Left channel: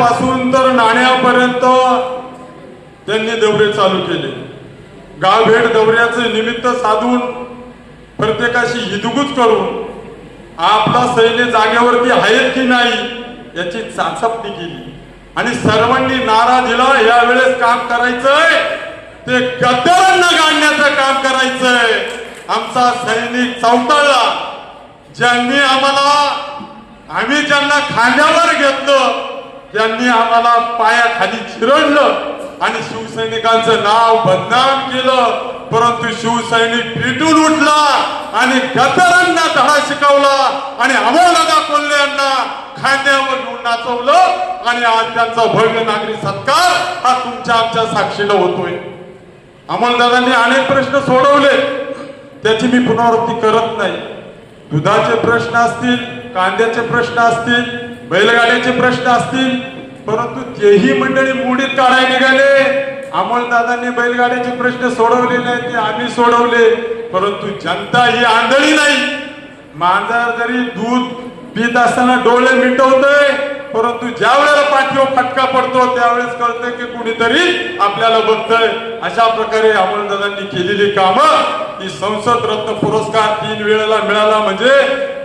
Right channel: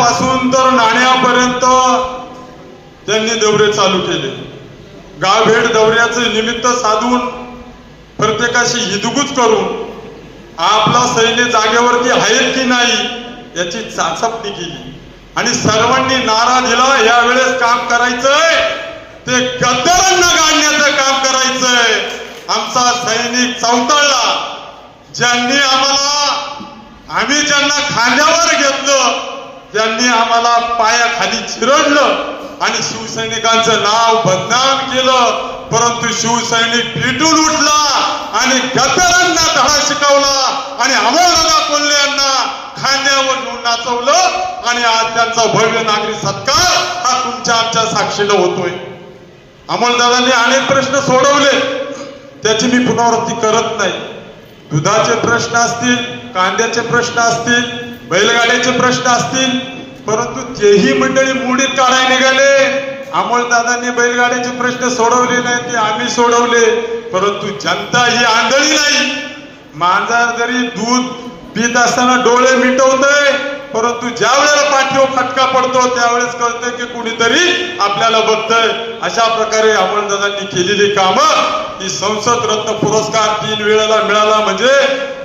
पासून तर नाण्यापर्यंत त्यांनी दौरे चालू केले. गावभेट दौऱ्याचे निमित्त साधून प्रत्येकाशी हिदगुज करून आपला सैन्य जागेवरती आहेत की नाही याची चाचपणी केली. आणि सर्वांनी नारा दिला यावेळेस काम करायचंय. ते गद्दारांना गाडण्याचं काम करायचंय. आमचा सैनिक चौताळला ज्यांनी आम्हाला आम्ही ज्यांना खांद्यावर घेतलं त्यांनी आम्हाला पायाखाली चिरडलं आणि शिवसैनिकांचं नाव बदनाम केलं. परंतु शिवसैनिक पिटून उठला आणि गदरांना धडा शिकवला आणि अमोलदादा कोल्हे यांना. खांद्यावर घेऊन नाचवलं आणि आज त्यांचा भव्य नागरी सत्कार हा तुमच्या आमच्या साक्षीला होतोय. अमोलदादांनी अनेक प्रश्न सोडवले. त्याची मी पुनरावृत्ती करत नाही. दुधाचे प्रश्न असतील कांद्याचे प्रश्न असतील बैलगाड्याचे प्रश्न असतील परंतु तेही मंडळी मोडीत काढायला निघाले अमोलदादांनी बैलगाड्याचे प्रश्न सोडवले नाही ते आम्ही सोडवले. परंतु जनता ही आंधळी नाही. मांजर जरी दूध पित असताना डोळे मिटवतय परंतु ज्या वेळेला पाठीवर फटका पडतो त्यावेळेस कळतं की कुणीतरी आपल्याला बघतय. अशा प्रकारे अमोलदादांनी केलेली कामं ही संसद रत्न पुरस्कार तीन वेळेला मिळाला. म्हणजे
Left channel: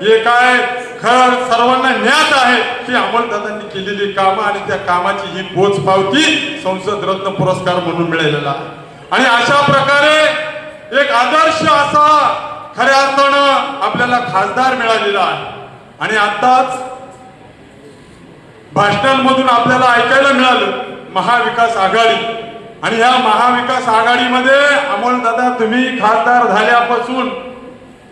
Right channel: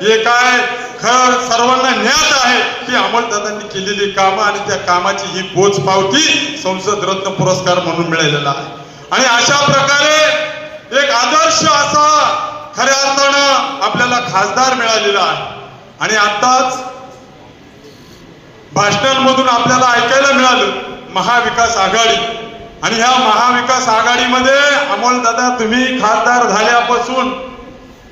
हे काय? खर सर्वांना ज्ञात आहे की अमोलदादांनी केलेली कामं आणि त्या कामाची ही पोच पावती संसद रत्न पुरस्कार म्हणून मिळालेला आहे. आणि अशा प्रकारे एक आदर्श असा खऱ्या अर्थानं आपल्याला खासदार मिळालेला आहे. आणि आताच भाषणांमधून आपल्याला ऐकायला मिळालं महाविकास आघाडी. आणि ह्या महाविकास आघाडीमध्ये अमोल दादा तुम्ही खासदार झाल्यापासून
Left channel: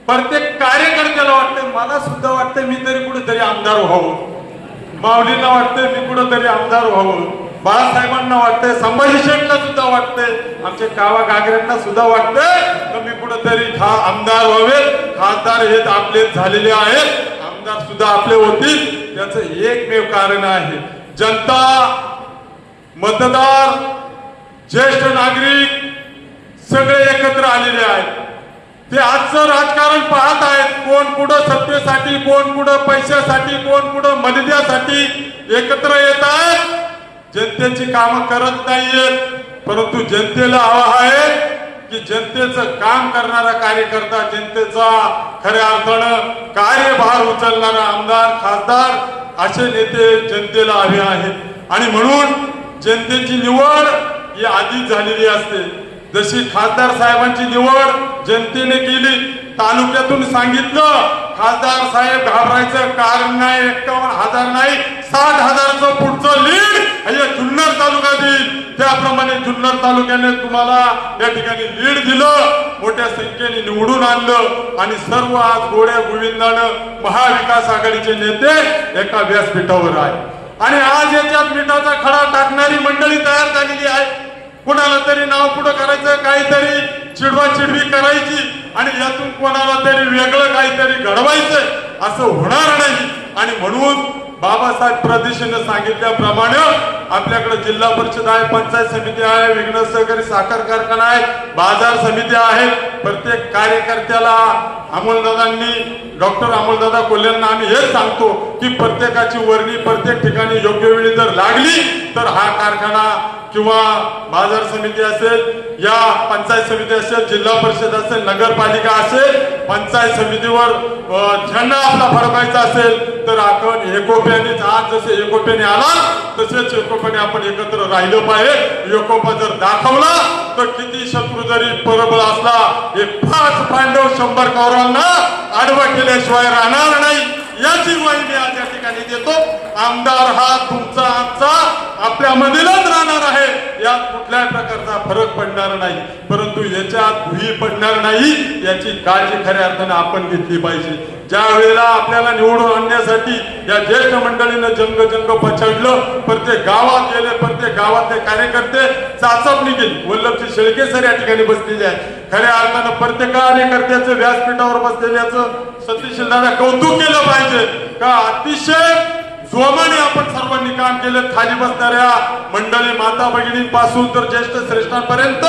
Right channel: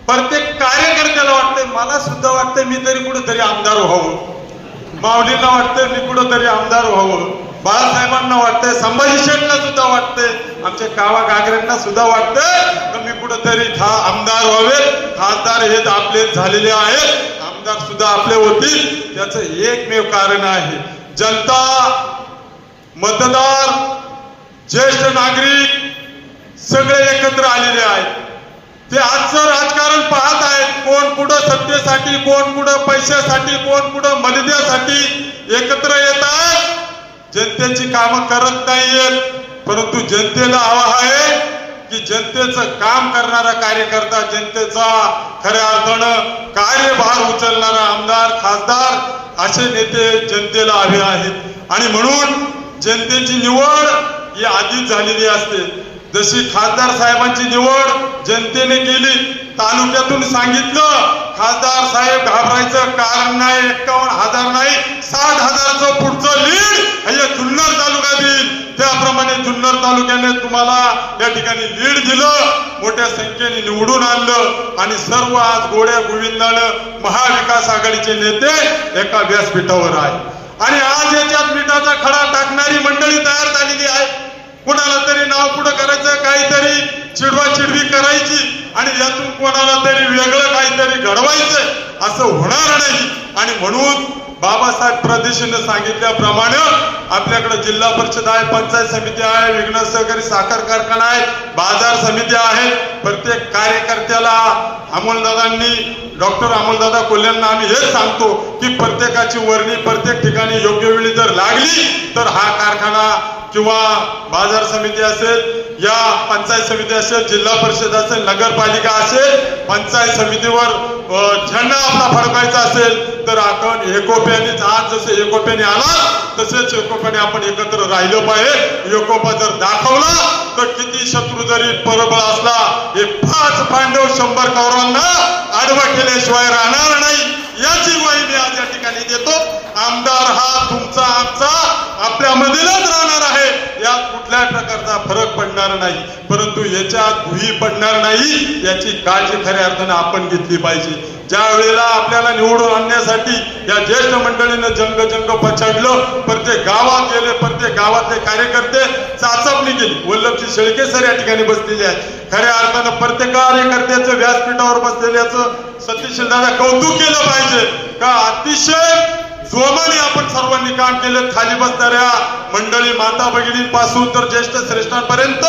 प्रत्येक कार्यकर्त्याला वाटतंय मला सुद्धा वाटतंय मी तरी कुठेतरी आमदार व्हावं. माऊलींना वाटतंय मी कुठेतरी आमदार व्हावं. बाळासाहेबांना वाटतंय संभाजी शेठला सुद्धा वाटतंय आमच्या कावा गागऱ्यांना सुद्धा वाटतंय तर मी कुठेतरी खा आमदार व्हावे खासदार हे आपले झालेले आहेत. आमदार सुद्धा आपले होतील. त्याचं एकमेव कारण आहे जनता मतदार ज्येष्ठ नागरिक सगळे एकत्र आलेले आहेत. ते आजचं राजकारण पाहत आहेत. कोण कुठं सत्तेसाठी कोण कुठं पैशासाठी कोण कुठं मलिद्यासाठी एकत्र येत आहेत जनतेची कामं करत नाहीयेत. परंतु जनतेला हवा आहे की जनतेचं काम करणारा कार्यकर्ता जनतेचा खऱ्या अर्थानं कार्यभार उचलणारा आमदार खासदार असे नेते जनतेला हवे आहेत. आणि म्हणून जनतेची निवड ही आधीच झालेली असते. जशी खासदार साहेबांची निवड जनतेने केली तालुक्यातून सांगितलं खासदार साहेब घाबरायचं कारण नाही एक्कावन्न हजार नाही साठ हजारचं पुढचं लीड हे जुन्नर तालुका देईल त्याप्रमाणे जुन्नर तालुक्याने तुम्हाला या ठिकाणी लीड दिलं मोठ्या संख्येने निवडून आणलं आणि सर्व आज गोड्या गोविंदानं महाविकास आघाडीचे नेते एका व्यासपीठावर आहे आणि आज याच्यात मिठाचा खडा टाकणारी मंडळी तयार झालेली आहे. कुणाला तरी नाव पुढं करायचं काहीतरी चिडवा चिडवी करायची आणि यातून कोणाला तरी वेगळं काहीतरी घडवायचं असं होणार नाही. आणि म्हणून बाबासाहेब प्रदेशीनं सांगितल्याप्रमाणे आपल्याकडे जिल्हा परिषद आहे पंचायत समिती आहे विघ्न सहकारी साखर कारखाना आहे बाजार समिती आहे. प्रत्येक कार्यकर्त्याला अमोलदादांनी डॉक्टर अमोलदादा कोल्ह्यांना आम्ही हेच सांगतो की प्रत्येकाची वर्णी प्रत्येक ठिकाणी योग्य वेळी जर लागली तर हा कारखाना किंवा बाजार समिती असेल या पंचायत समिती असेल जिल्हा परिषद असेल नगरपालिका असेल पंचायत समितीवर झेंडा आपला फडकायचा असेल तर आपण एकोप्याने आज जसे एकोप्याने आला तसेच एकोप्याने आपण एकत्र राहिलं पाहिजे. एकोपा जर दाखवला तर किती शत्रू जरी परबळ असला हे पाच पांडव शंभर कौरवांना आडवा केल्याशिवाय राहणार नाही. याची ग्वाही मी आज या ठिकाणी देतो. आमदार हा तुमचा आपल्यामधीलच राहणार आहे. यात कुठल्याही प्रकारचा फरक पडणार नाही. परंतु याच्यात भुई पडणार नाही याची काळजी खऱ्या अर्थानं आपण घेतली पाहिजे. ज्या वेळेला आपल्याला निवडून आणण्यासाठी या ज्येष्ठ मंडळीनं जंग जंग पछाडलं प्रत्येक गावात गेले प्रत्येक गावातले कार्यकर्ते चाचपणी केली. वल्लभजी शेळके सर या ठिकाणी बसलेले आहेत. खऱ्या अर्थानं प्रत्येक कार्यकर्त्याचं व्यासपीठावर बसलेल्याचं सतीश दादा कौतुक केलं पाहिजे. का? अतिशय जोमाने आपण सर्वांनी काम केलं खाली बसणाऱ्या मंडळी माता भगिनींपासून तर ज्येष्ठ श्रेष्ठांपर्यंत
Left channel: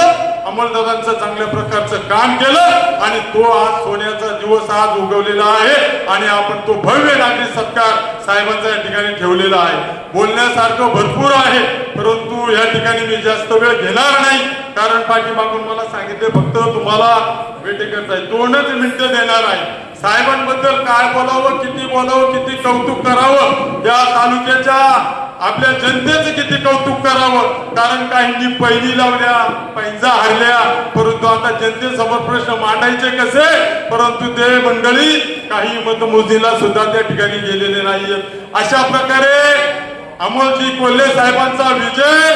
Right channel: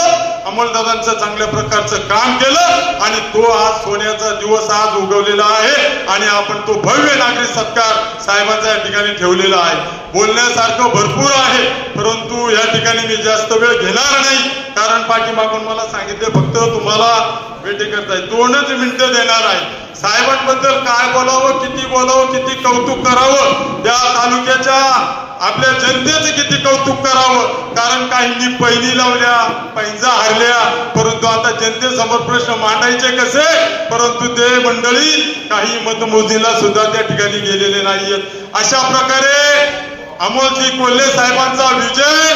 अमोलदादांचं चांगल्या प्रकारचं काम केलं आणि तो आज सोन्याचा दिवस आज उगवलेला आहे आणि आपण तो भव्य नागरी सत्कार साहेबांचा या ठिकाणी ठेवलेला आहे. बोलण्यासारखं भरपूर आहे परंतु या ठिकाणी मी जास्त वेळ घेणार नाही. कारण पाठीमागून मला सांगितले फक्त तुम्हाला भेटी करताय. दोनच मिनिटं देणार आहे. साहेबांबद्दल काय बोलावं किती बोलावं किती कौतुक करावं त्या तालुक्याच्या आपल्या जनतेचे किती कौतुक करावं? कारण काहींनी पहिली लावल्या पैंजा हरल्या परंतु आता जनतेसमोर प्रश्न मांडायचे कसे? परंतु ते मंडळी काही मतमोजणीला सुद्धा त्या ठिकाणी गेलेले नाहीयेत. अशा प्रकारे अमोलजी कोल्हे साहेबांचा विजय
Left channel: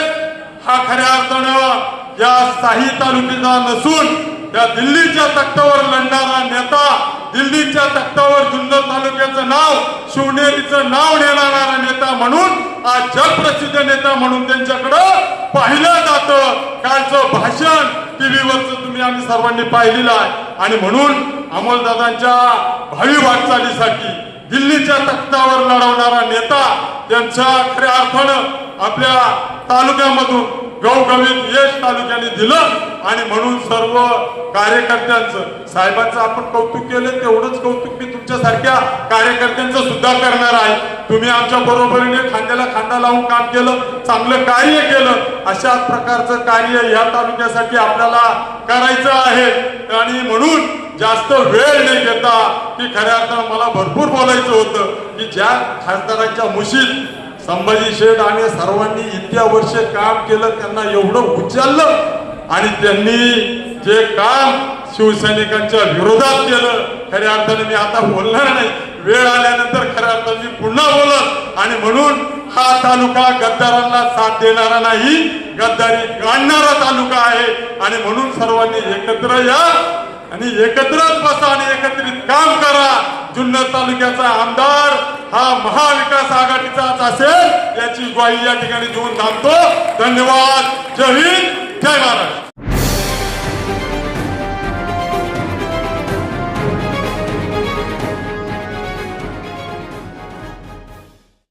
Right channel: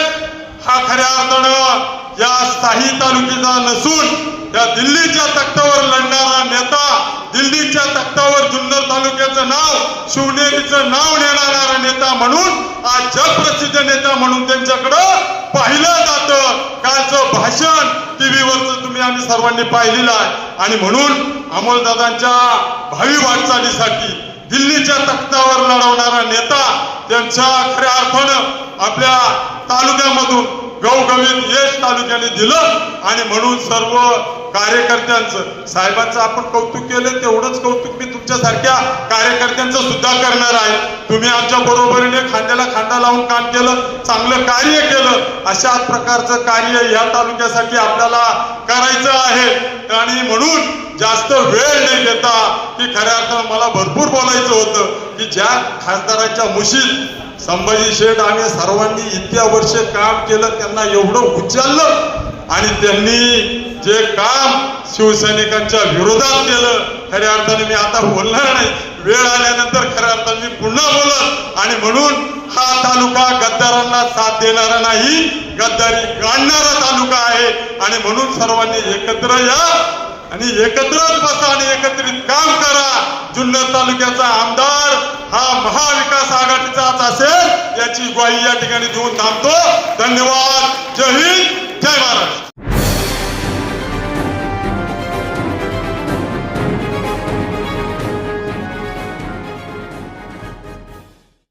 हा खऱ्या अर्थानं या साही तालुक्याचा नसून त्या दिल्लीच्या तख्तावर लढणार नेता दिल्लीच्या तख्तावर जुन्नर तालुक्याचं नाव शिवनेरीचं नाव नेणारा नेता म्हणून आज जगप्रसिद्ध नेता म्हणून त्यांच्याकडं पाहिलं जातं. कालचं भाषण टीव्हीवरच तुम्ही आम्ही सर्वांनी पाहिलेलं आहे. आणि म्हणून अमोलदादांच्या भावी वाटचालीसाठी दिल्लीच्या तख्तावर लढवणारा नेता त्यांच्या खऱ्या अर्थानं आपल्या तालुक्यामधून गवगवीत यश तालुक्याने दिलं आणि म्हणून सर्व कार्यकर्त्यांचं साहेबांचं आपण कौतुक केलं तेवढंच कौतुक मी तुमच्यासारख्या कार्यकर्त्यांचं सुद्धा करणार आहे. तुम्ही आमच्या बरोबरीने खांद्याला खांदा लावून काम केलं चांगलं कार्य केलं अशा प्रकारचं कार्य या तालुक्यासाठी आपल्याला करायचं आहे. आणि म्हणून जास्त वेळ नाही घेता की खऱ्या अर्थानं मला भरपूर बोलायचं होतं की ज्या खासदारांच्या मुशीत संभाजी शेठ आणि सर्वांनी इतक्या वर्ष काम केलं त्यांना एवढं उचललं आणि त्यांनी जे काम शिवसैनिकांच्या विरोधात केलं खऱ्या अर्थाने मी आता बोलणार नाही. वेळ आल्यानंतर खऱ्या अर्थाने मी पुन्हा बोलत आणि म्हणून हा तालुका गद्दारांना साथ देणारा नाही गद्दारी गाडणारा तालुका आहे. आणि म्हणून सर्वांनी एकत्र या. आणि एकत्रच बसा आणि एकत्रित काम करा. जुन्नर तालुक्याचा आमदार हा महाविकास आघाडीचाच असेल याची ग्वाही या ठिकाणी देऊन थांबतो. धन्यवाद. जय हिंद. जय महाराष्ट्र.